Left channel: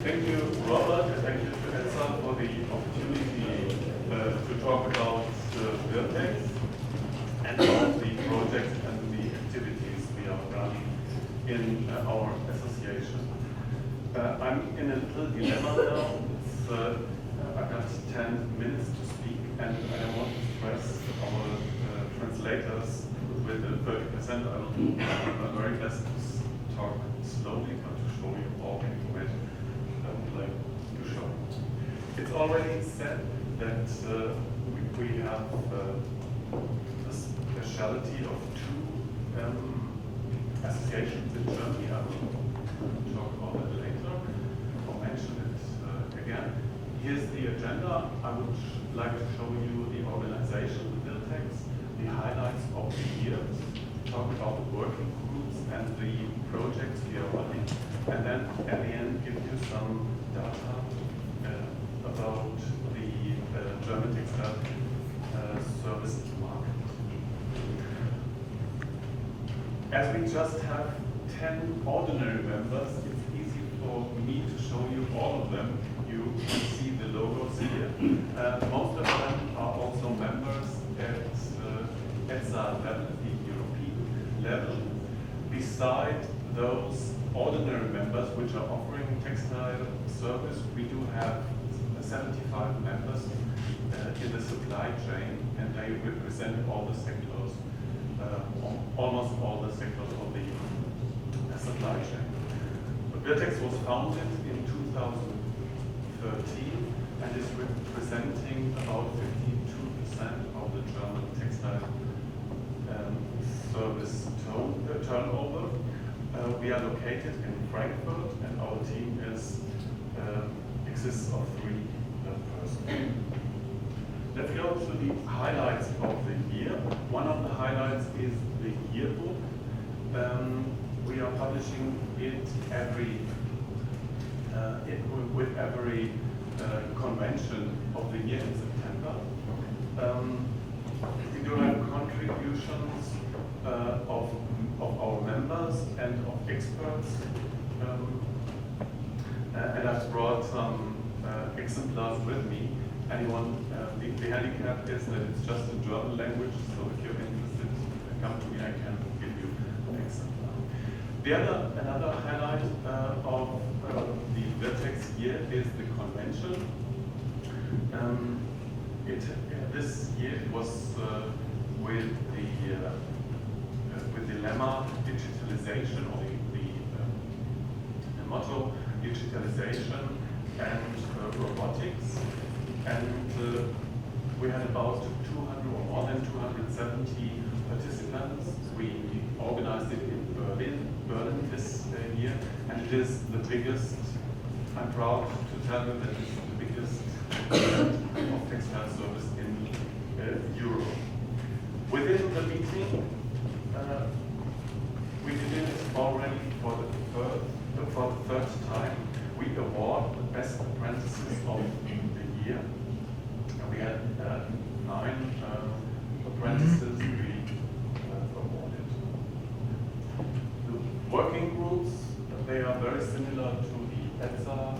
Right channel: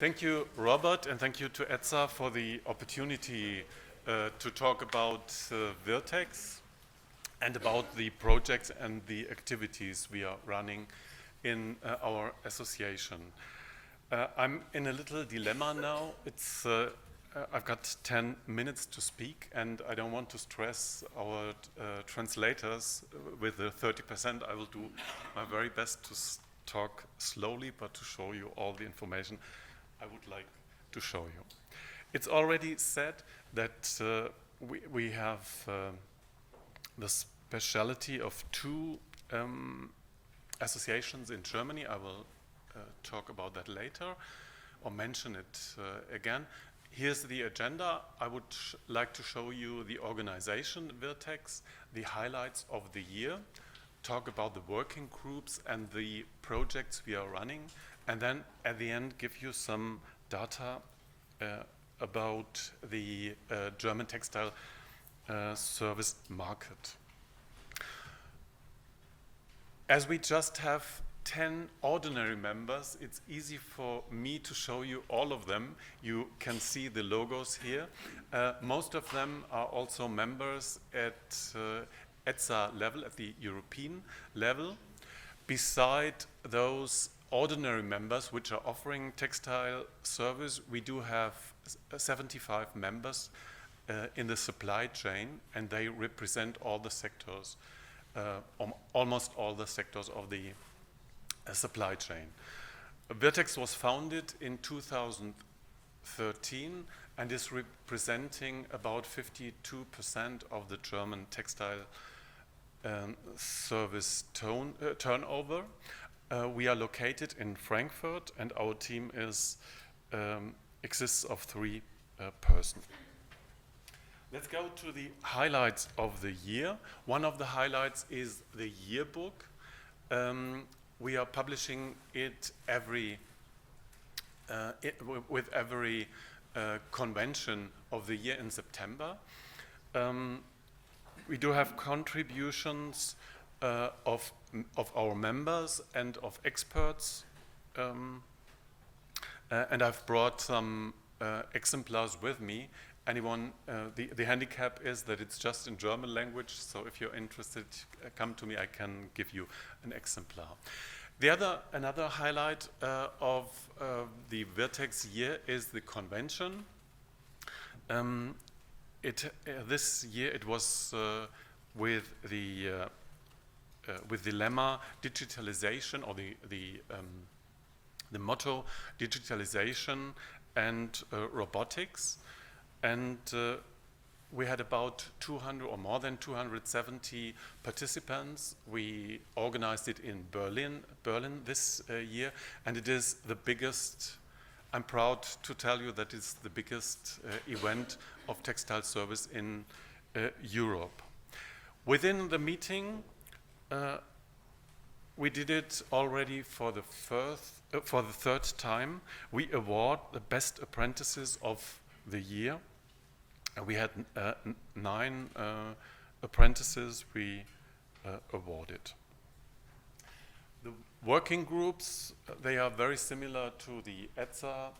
Thank you, Robert, and thank you to ETSA for the opportunity to talk about WIRTEX and about the projects and the activities we are running in our association. I'm in a little dilemma now. I've got 10 minutes to speak, and I don't want to stress our translators with the 30%. I will do my very best to talk slowly, but to show you all the information to show. It's already said that we have the speciality of two associations in Germany. I will talk about that later or mention it again. Here's the agenda. I would like to show you the organization, the WIRTEX, the highlights of the year, talk about the working groups and the projects we are running, and then at the end give you some data about the German textile service market. As we just have 10 ordinary members, it's easy for me to show you all of them. You can see the logos here. Most of them are also members at ETSA level, at the European level. Beside those ordinary members which are offering textile service, we do have 75 members in the supply chain, and they represent all the sectors, almost all the sectors of the supply chain. WIRTEX was founded in 2013 and is representing about 52% of the German textile service turnover. We are located in Frankfurt, and our team exists of 3 persons. Let's go to the highlights of the year. One of the highlights is the yearbook. We are publishing it with every convention of the year in September. We do have contributions of our members and of experts, and I've brought some exemplars with me. The handicap is that it's just in German language, so if you're interested, come to me, I can give you an exemplar. Another highlight of the WIRTEX year is the convention. This year it was with the lemma digitalization, or the motto digitalization and robotics, and we had about 200 or more than 270 participants. We organized it in Berlin this year, and it is the biggest. I'm proud to tell you that it's the biggest event of textile service in Europe. Within the meeting, we did it already for the third time. We award the best apprentices of the year. We had 9 apprentices we awarded. The working groups, they are very similar to the ETSA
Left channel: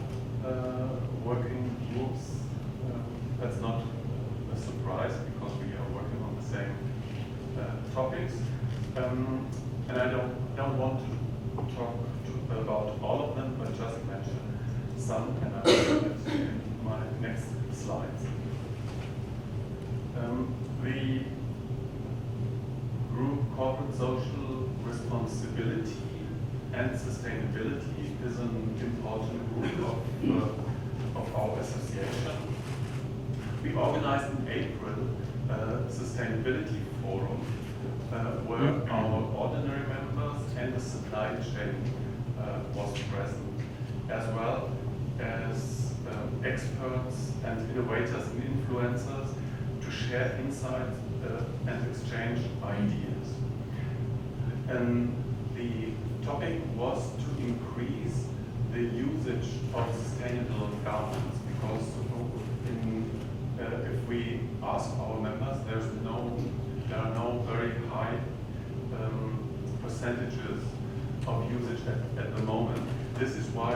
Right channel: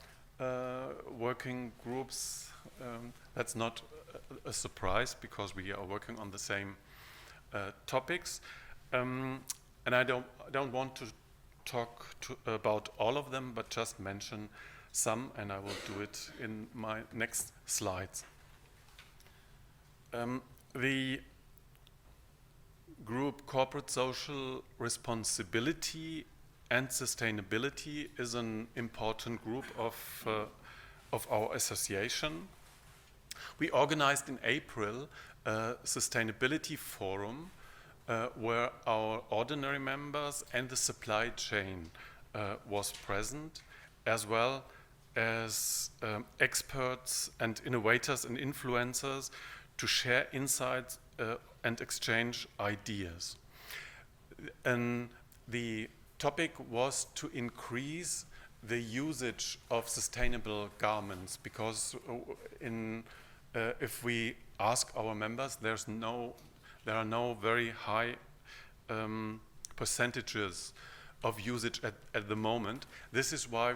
working groups. That's not a surprise, because we are working on the same topics. And I don't want to talk about all of them, but just mention some, and I will do it in my next slides. The group Corporate Social Responsibility and Sustainability is an important group of our association. We organized in April a Sustainability Forum where our ordinary members and the supply chain was present, as well as experts and innovators and influencers, to share insights and exchange ideas. And the topic was to increase the usage of sustainable garments, because if we ask our members, there are no very high percentages of usage at the moment. This is why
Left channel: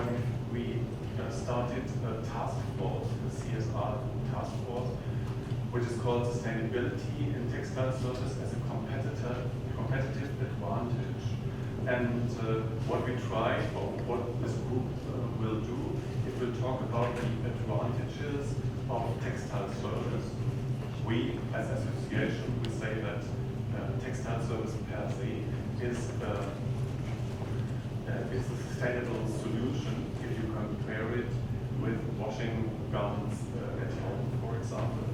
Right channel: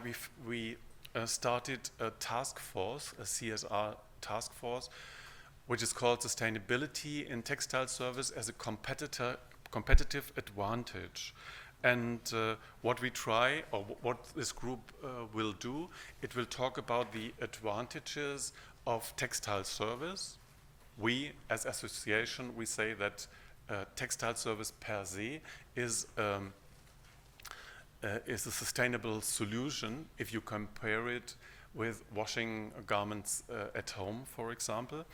we started a task force, a CSR task force, which is called Sustainability in Textile Service as a competitive advantage. And what we try, or what this group will do, it will talk about the advantages of textile service. We, as association, we say that textile service per se is a sustainable solution if you compare it with washing garments at home, for example.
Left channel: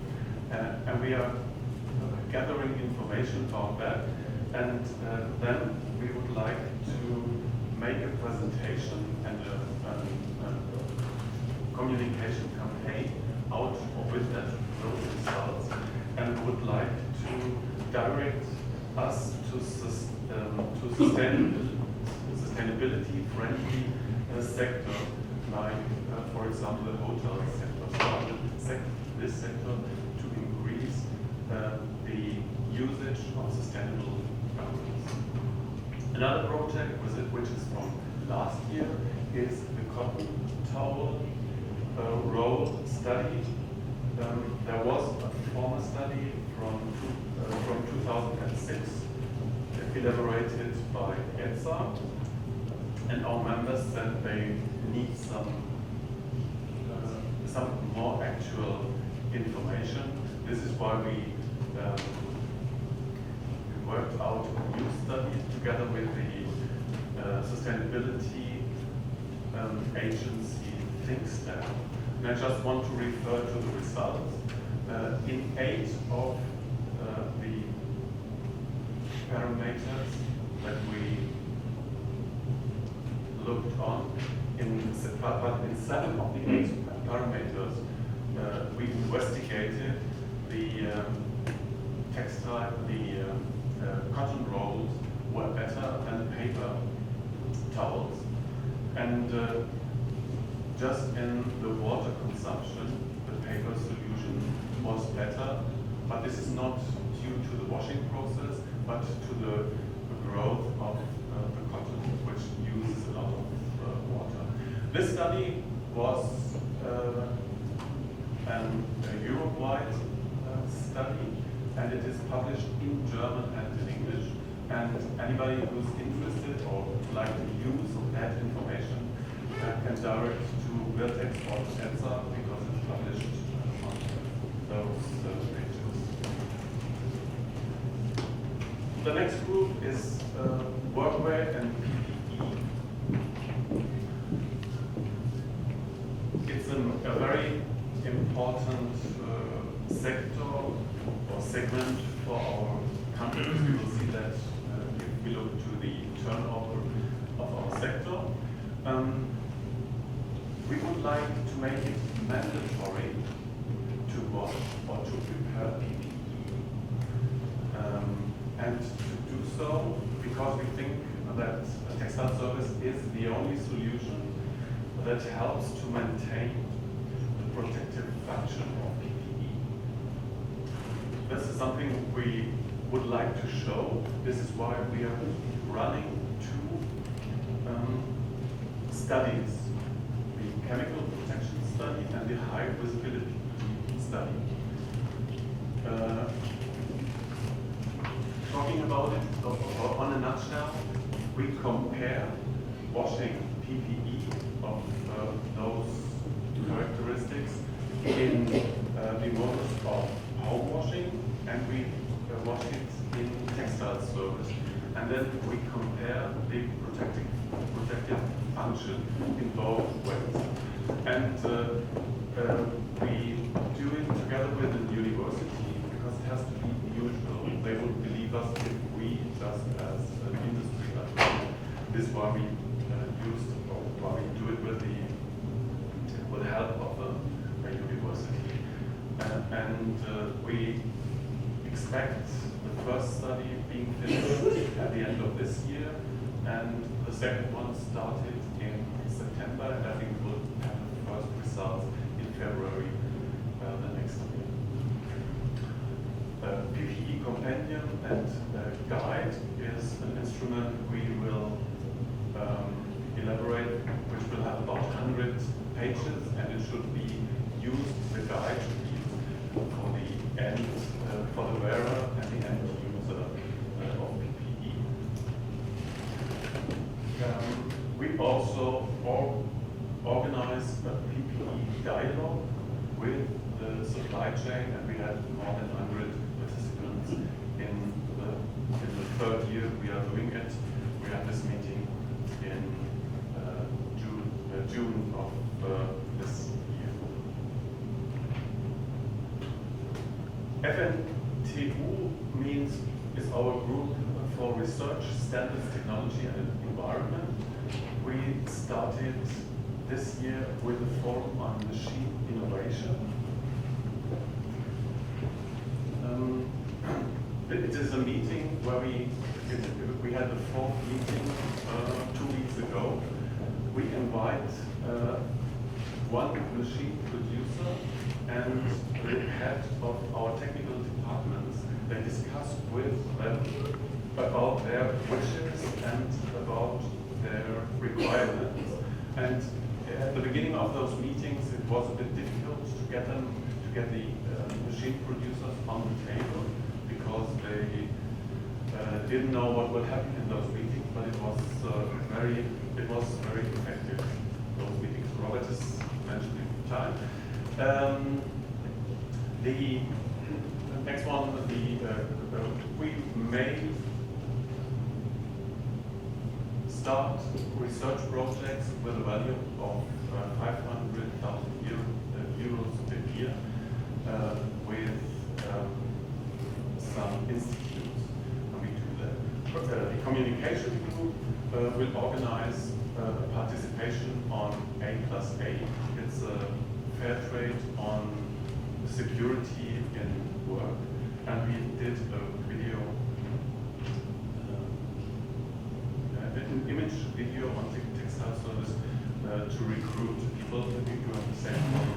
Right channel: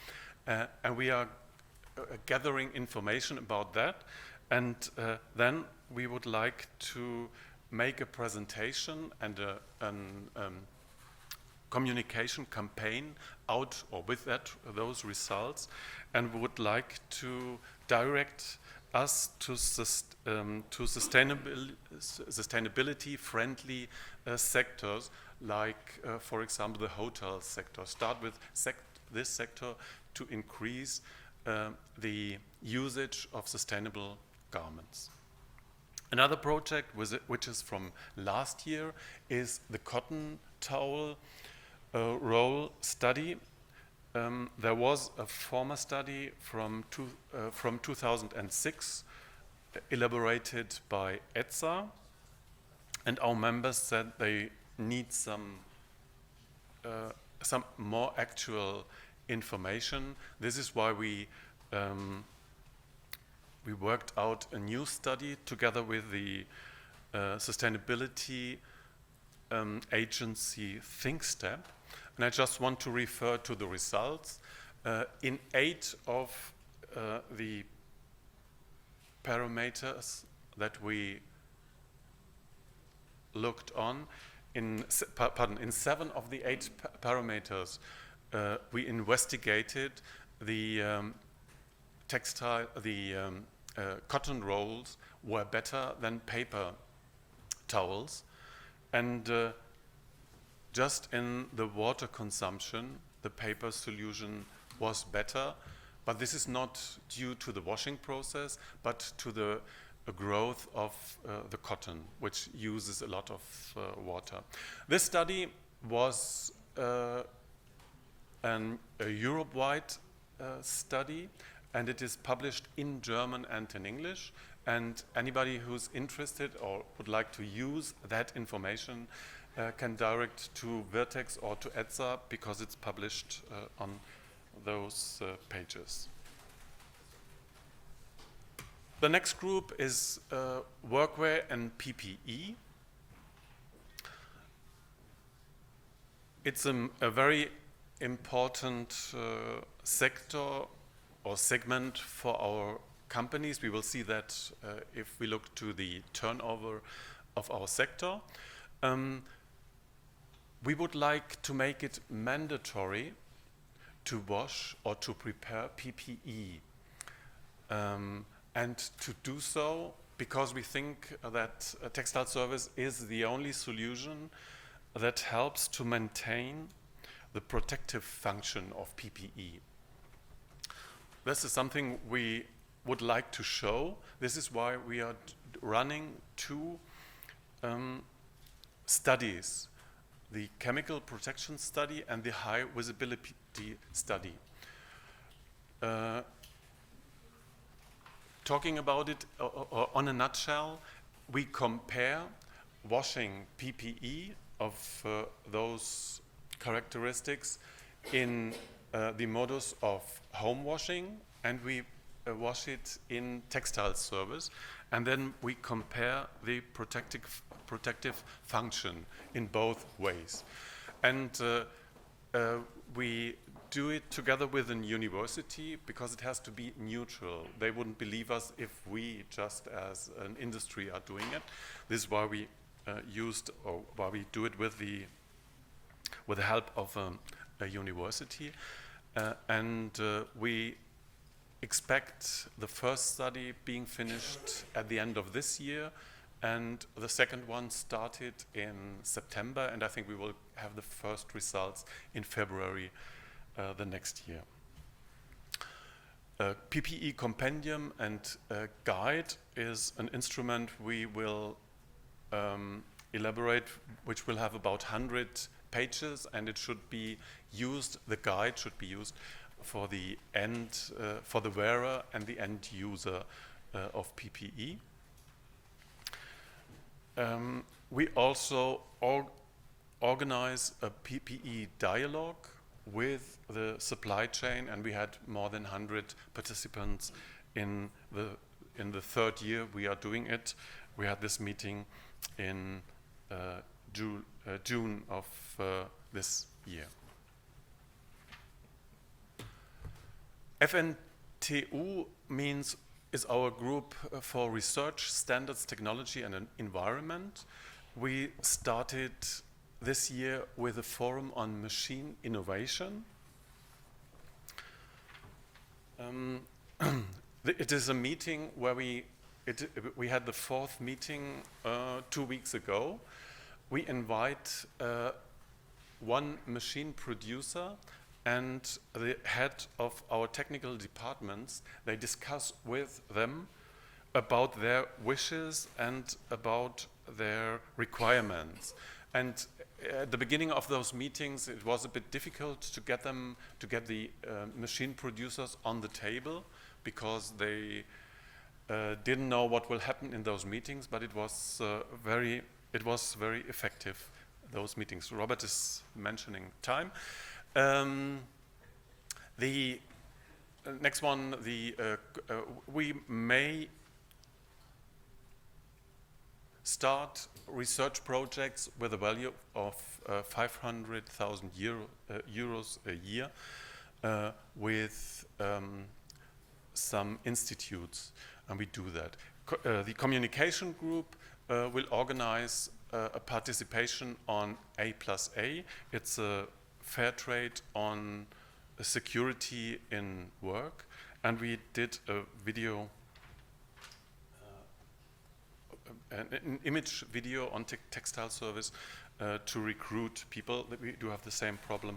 And we are gathering information about that, and then we would like to make a presentation and a communication campaign out with those results, and would like to direct us to sustainability-friendly sectors, like, for example, the hotel sector. Start with this sector to increase the usage of sustainable garments. Another project, which is from last year, is the cotton towel roll study. There was a former study from 2006, elaborated by ETSA, and our members said they need some more actual information. This is why we worked out a new study together with the sustainability agency ThinkStep. And I just want to refer to the results. In 8 of the parameters that we looked on, in 7 of the 8 parameters, we investigated the cotton rolls were better than paper towels, and just in the water consumption, the paper solution was better, but this is not due to the washing process, but to the growth of the cotton, which uses a lot of water. This study was a Europe-wide study, and it is published in German and in English, and anybody who's interested or would like to use that information can direct to WIRTEX or to ETSA, because it's published on those pages. The next group is workwear and PPE. It's a very important sector or segment for our companies. We will see that if we look to the turnover of our sector. We would like to make it mandatory to wash or to prepare PPE, and to do so because we think that textile service is the only solution that helps to maintain the protective function of PPE. This is something we would like to show. This is why we are running 2 studies, the chemical protection study and the high visibility study. Talking about it on a nutshell, we compare washing PPE of those characteristics in the modus of home washing, and we wash it in textile service. And then we compare the protective function in both ways. And we do it together with a university because it has to be mutual. They would believe us if we just as an industry are doing it. This is why we do it with the help of a university. And we expect the first study being finished at the end of this year, and the second one started in September, and I think we will have the first results in February the next year. PPE compendium and guide is an instrument we will elaborate, which will have about 100 pages, and it should be used, the guide should be used for the end, for the wearer and the end user of PPE. We also organize a PPE dialogue with the supply chain, and we had more than 100 participants in the third year we are doing it. We had this meeting in June of this year. FNTU is our group for research, standards, technology, and environment. We started this year with a forum on machine innovation. It is a meeting where we had the fourth meeting 2 weeks ago. We invite one machine producer and the head of our technical departments. They discuss with them about their wishes and about their requirements. And at the beginning of those meetings, it was a bit difficult to get the machine producers on the table, because they didn't know what will happen in those meetings. But it was very effective, those meetings. Robert is mentioning time. The next one, we may start research projects with a value of 500,000 euros a year with some institutes, and we do that. The communication group will organize a participation on A+A. It's a fair trade on security in work, and we did a video, an image video on textile service to recruit people. We do have the same problem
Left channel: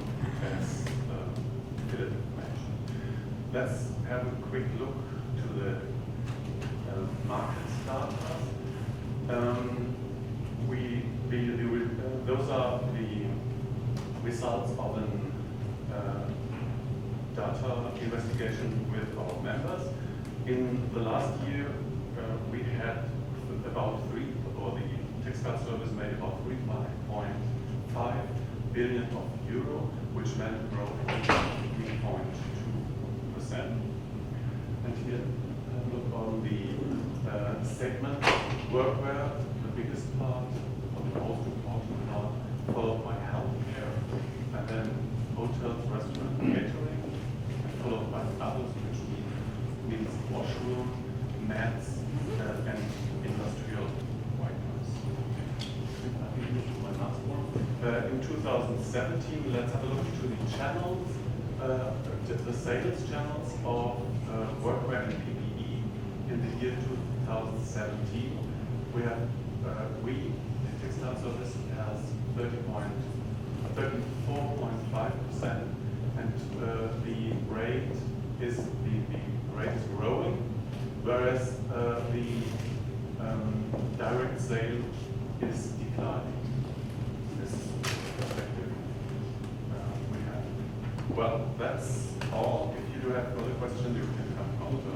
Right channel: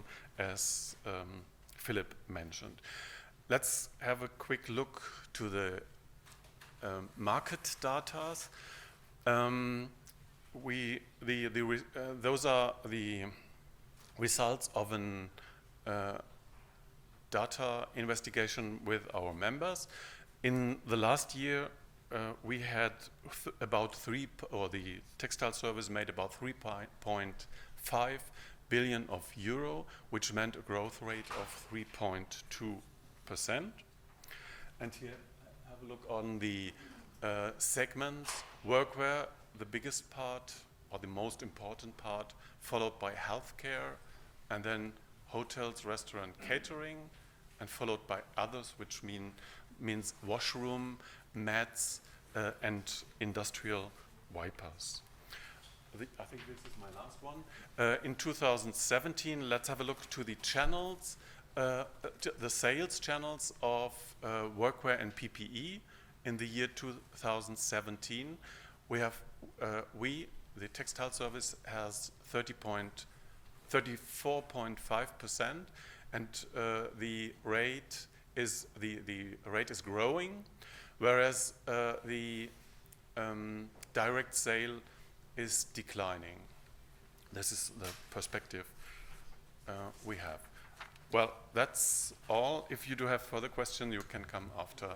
as Philip mentioned. Let's have a quick look to the market data. Those are the results of an data investigation with our members. In the last year, we had the textile service made about 3.5 billion of euro, which meant a growth rate of 3.2%. And here, look on the segment workwear, the biggest part, or the most important part, followed by healthcare, and then hotels, restaurant, catering, and followed by others, which means washroom, mats, and industrial wipers. My last one. In 2017, let's have a look to the channels, the sales channels of workwear and PPE in the year 2017. We have, the textile service has 34.5%, and the rate is growing, whereas the direct sale is declining. This is the perspective we have. Well, that's all. If you do have further questions, you can come after.